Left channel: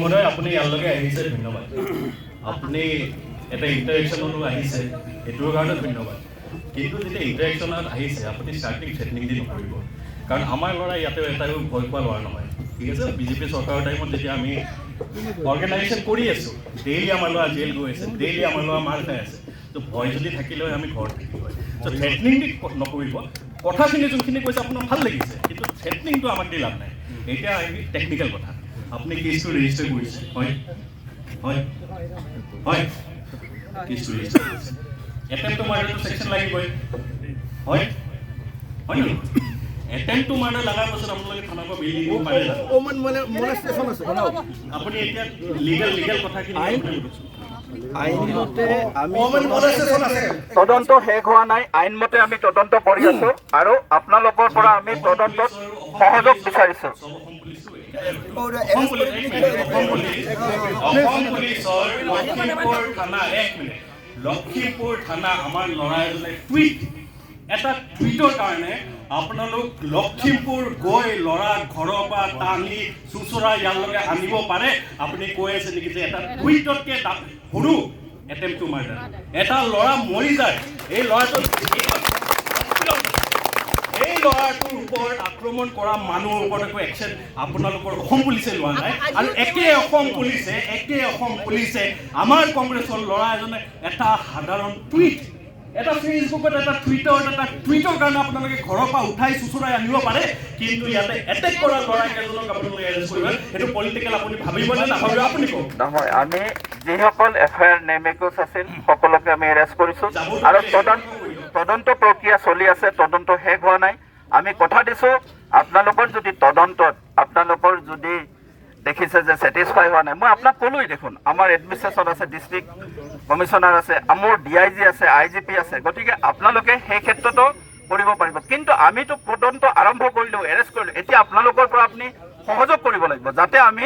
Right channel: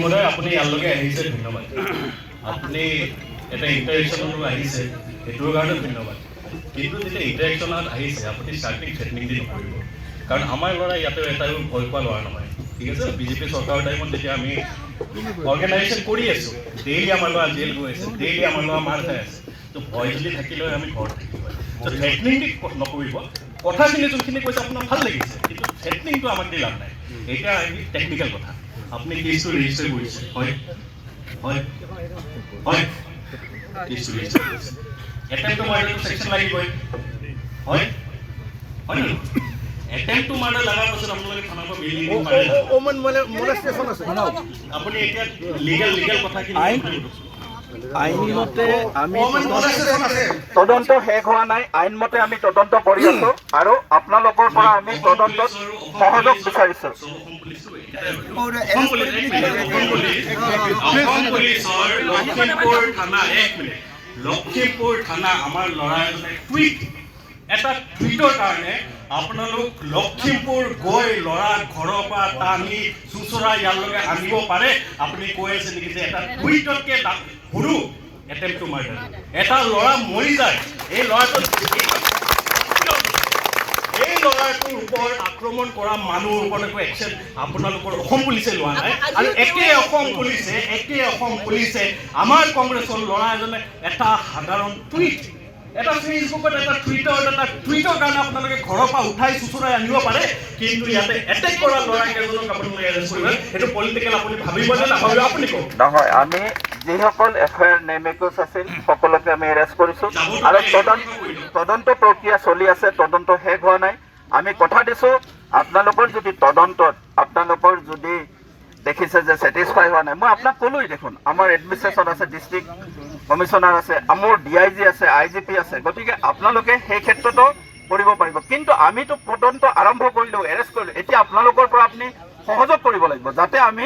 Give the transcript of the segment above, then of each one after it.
মহোদয় আপুনি ইয়ালৈকে আহিছে ধন্যবাদ। আপুনি এটা ইণ্টাৰেকশ্যনতো আহিছে সেইটোৰ কাৰণে ধন্যবাদ। কিন্তু যেতিয়া ইণ্টাৰেকশ্যনত আহিছে আপুনি ষ্টাৰ্টিং থ্ৰেটনিং দি নকৰিব, কাৰণ আমাৰ ল'ৰা ইয়াতে এটাও ভয় পোৱা ল'ৰা নহয়। ঠিক আছে, বিজেপি চৰকাৰৰ টাইমত যেতিয়া আমি অৰ্গেনাইজেশ্যন কৰি আছোঁ, ডেইলি আমাৰ ল'ৰা জেল গৈ আছে, ডেইলি আমাৰ ল'ৰা মাৰ খাই আছে। তো ভয় যদি থাকিলে আমি ঘৰত থাকিব। তো থ্ৰেটনিং নকৰিব। কথাখিনি যোনখিনি কৈছে আপোনাৰ ভাল লাগিছে, কিন্তু থ্ৰেটনিংটো আমাক দি লাভ নাই। এতিয়া টেকনিকেল কথা, আপুনি কেছটো ৰেজিষ্টাৰ কৰিছে, হয় হয় হয়, কেছটো ৰেজিষ্টাৰ কৰিছে। এটেম্পটো মাৰ্ডাৰটো ছেকশ্যন লাগিবই, হয় হয় নে? এটেম্পটো মাৰ্ডাৰ লগাৰ পাছত আপোনালোকে থানাৰ পৰা বেইল দিব পাৰে। আপুনি এতিয়া লিগেল কথাখিনি তদন্ত শেষ হোৱা নাই, আইনমতে আমি তদন্ত কৰি আছো আৰু আপোনালোকৰ পৰা আমি তদন্তত সহযোগ বিচাৰিছো। লখিমপুৰ থানা আমাৰ ল'ৰা এজনে এটা টুইটৰ কাৰণে আপোনালোক লখিমপুৰ গৈ ল'ৰা ঘৰৰ পৰা টানি চুচৰা ইয়ালৈকে আনিব পাৰে? আপুনি কৈ আছে নেকি যে এটা টুইটতকে সৰু এটেম্পটো মাৰ্ডাৰ? এটা ল'ৰা মৰি যায়, এই ল'ৰাটোৰ ওপৰত আক্ৰমণ কৰা মানুহৰ ওপৰত একো একশ্যন আপোনালোকৰ অসম পুলিচে লোৱা নাই। আৰু একে অসম পুলিচে আমাৰ কংগ্ৰেছৰ ল'ৰা এজনে এটা সাধাৰণ টুইট, এটা ফেচবুকত এটা টুইটৰ কাৰণে আপোনালোকে ঘৰৰ পৰা উঠাই চুচুৰাই আনিব পাৰে, কিন্তু ইয়াতে এটেক কৰা ল'ৰা কেইজনক আপোনালোকে এৰেষ্ট কৰিব। সেইটো পলিটিকেল আপুনি ভাবিবনে নাভাবিব? আপুনি কওক। নহয়, আমি যিসকল FIR নেমেকুচ আছিল সকলোকে আমি এৰেষ্ট কৰিছো আৰু তদন্ত প্ৰক্ৰিয়া চলি আছে, তদন্ত শেষ হোৱা নাই। আমি কথা দিছো আপোনালোকৰ যদি তদন্তত আপোনালোকৰ যদি দেখিছে যে ছেটিছফাই হোৱা নাই, মই আপোনাক ক'লোৱেই দেখোন আমাৰ এডমিনিষ্ট্ৰেশ্যন আছে, ডিষ্ট্ৰিক্ট কমিশ্যনাৰ আছে, মোৰ DIG আছে, IGP আছে, গতিকে আপোনালোকে সেই ক্ষেত্ৰতো কৰিব পাৰিব। কিন্তু আমিতো তদন্ত আৰম্ভ কৰিলোঁ, এৰেষ্ট কৰিলোঁ, এতিয়া আপোনালোকৰ পৰা আপুনি সহযোগ কৰিব লাগিব যাতে আমি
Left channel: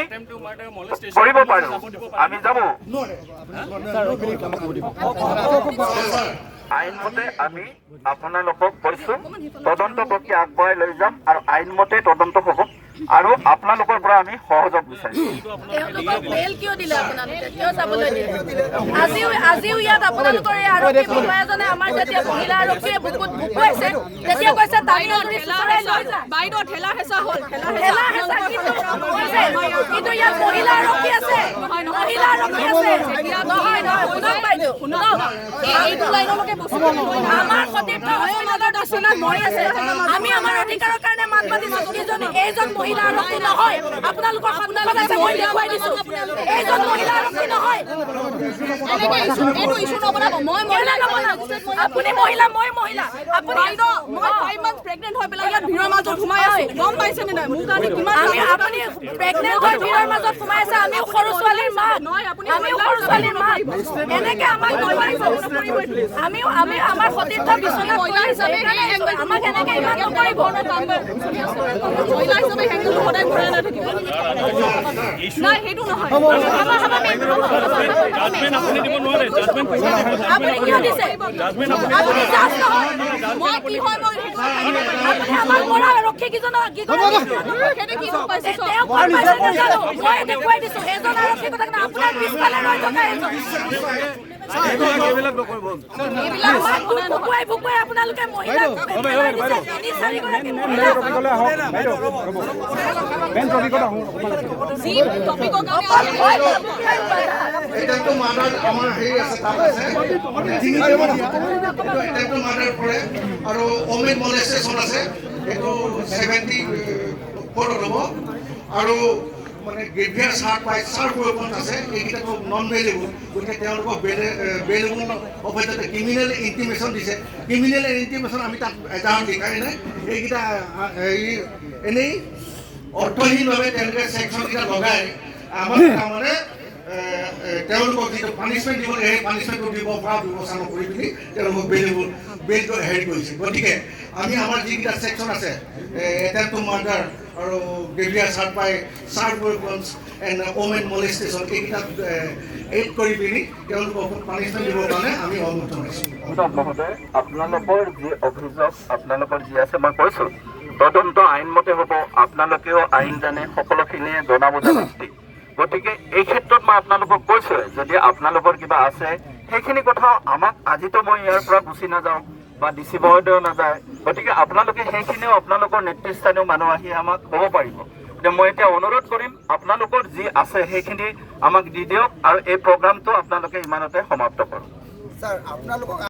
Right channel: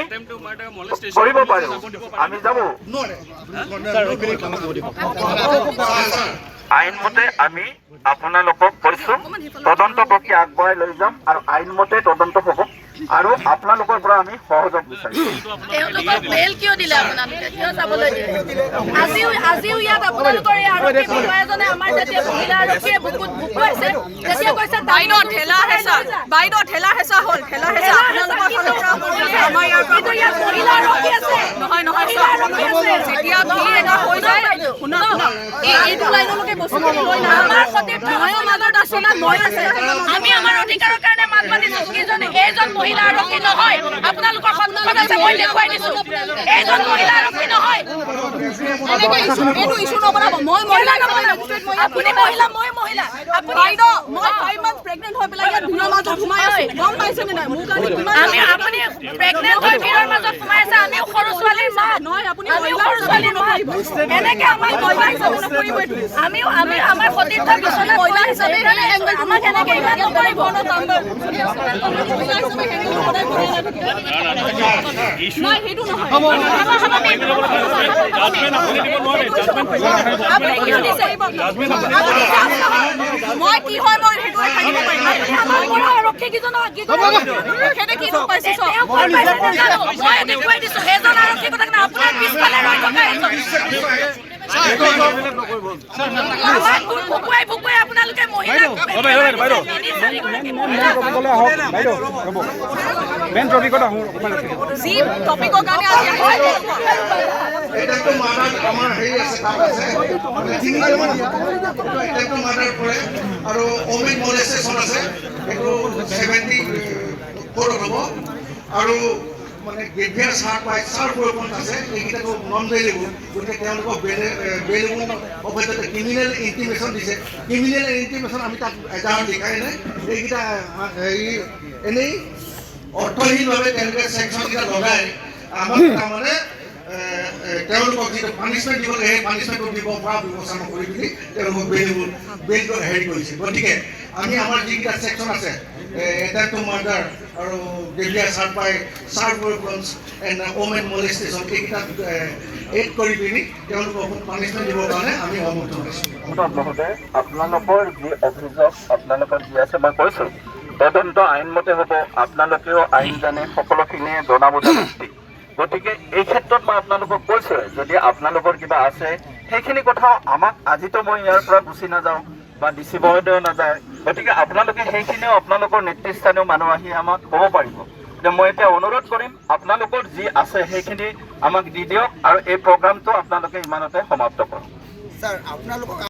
কৰিব পাৰোঁ। আমি যাব আইনমতে আমি আপোনালোকক কৈছোঁ তদন্ত প্ৰক্ৰিয়া আগবঢ়াই লৈ যাম আৰু আইনমতে তদন্ত হ'ব আৰু আপোনালোকৰ পৰা আমি সহযোগ বিচাৰিছোঁ। আজিও ইয়াত আপোনালোকৰ এই আৰক্ষী বিষয়া এজনে আমাৰ যেতিয়া মহিলা আৰক্ষীয়ে বুকুত বুকুৱাইছে তেতিয়া কৈছে বাইদেউ ঠেলা হেঁচা হ'ল, কিন্তু ইয়াত মহিলা আৰক্ষী আছে, মহিলা আৰক্ষী আছে। এইটো লাইনলৈকে বস্তু আমাৰ সতীৰ্থ সমাজৰ আচৰণত মই আছে, আমি আমাৰ অধিকাৰৰ কাৰণে মাত মাতিছো। এইজন মহিলা আৰক্ষী নহয়, আপোনালোকৰ সন্মুখত আছে, মই দেখুৱাই দিছো, এইজন মহিলা আৰক্ষী নহয়। আপুনি মহিলা, মই মহিলা। আপুনি মই 5 মান্থ প্ৰেগনেন্ট হৈ পেলাই ইয়াত ভিৰৰ মাজত সোমাই আছো, গম পাইছে নে নাই? মোৰ কাৰণে কিমান আপুনি প্ৰেগনেন্ট হৈ ভিৰৰ মাজত সোমাই আছে, আমি সৰু ছোৱালীৰ মা নহয়, আপুনি সৰু ছোৱালীৰ মা। এনেকে আমাক আমি আমাৰ সতীৰ্থ বিচনাত মহিলা হিচাপে আমাক এনেকে ইমান নকৰিব। মহিলা হিচাপে হেংগলটো সদায় ভৰাই নাথাকে নাই, সেইটো নহয়। আপুনি কিয় দিছে? মই কি হয় মই আপুনি আমাৰ পৰা আৰক্ষী কেইজনক কি কৰে? মই দেখুৱাই দিছো এজন আৰক্ষী কথা নাই, আপোনাৰ পিছফালে ৰৈ থকা ভুকুৱাই আপোনালোকে মহিলাক আৰু অমিত মলেষ্টেশ্যন আছে, সেইটো 74 হ'ব আৰু মানে গ্ৰেভিয়াৰ চাৰ পাই চাৰ বৰষুণ আছে, এইকেইটাতো নন বেইলেবল, গতিকে তেওঁলোকক বেইলেবল অৱশ্যে ক্ৰিমিনেল ইণ্টিমেশ্যন দিছে। ক্ৰিমিনেল ইণ্টিমেশ্যন আমি তাত এজাহাৰত লিখাই নাই, এইকেইটা হেৰি এনেই অৰ্থহীনভাৱে তেওঁলোকে ছেকশ্যনকেইটা লগাই আমাক তাৰমানে তেওঁলোকক যিটো পানিছমেণ্ট দিব লাগে সেই পানিছমেণ্টটো দিব পৰা ব্যৱস্থা নকৰি পিনি তেওঁলোকক বেইলটো হেৰি কৰিছে। গতিকে আমি আমাৰ যিকেইটা ছেকশ্যন আছে, এটেম্প টু মাৰ্ডাৰ আৰু গ্ৰেভিয়াৰ চাৰ পাই চাইল্ড ৱেপন্স এণ্ড ওমেন মলেষ্টেশ্যন, এইকেইটাত এড কৰি পিনি তেওঁলোকক পানিছমেণ্ট দিবৰ কাৰণে আমি অনুমোদন কৰিছোঁ। আপোনালোকৰ যি অভিযোগ আপোনালোকৰ যি আছে মই কৈছোঁ তদন্ত আইনমতে হ'ব, আপোনালোকেও আইন জানে, সকলোখিনিয়ে জনা বুজা ব্যক্তি। গতিকে এই ক্ষেত্ৰত মই আপোনালোকক কৈছোঁৱে, যদি আপোনালোকৰ কিবা আছে সেইখিনি কথাও আমাক, আজিতো মই ইয়াৰ পৰা গুচি নাযাওঁ বা ডি চি মহোদয়ো নাযায়, গতিকে আপোনালোকে সেইখিনিও আপোনালোকৰ নেতৃস্থানীয় মানুহ আহি আমাক ক'ব পাৰিব। মই এতিয়া অনুৰোধ কৰিম, আপোনালোকৰ যি আছে সেইখিনি আমাক দি দিয়ক আৰু এই প্ৰগ্ৰামটো আপোনালোকে ইমানতে সমাপ্ত কৰক।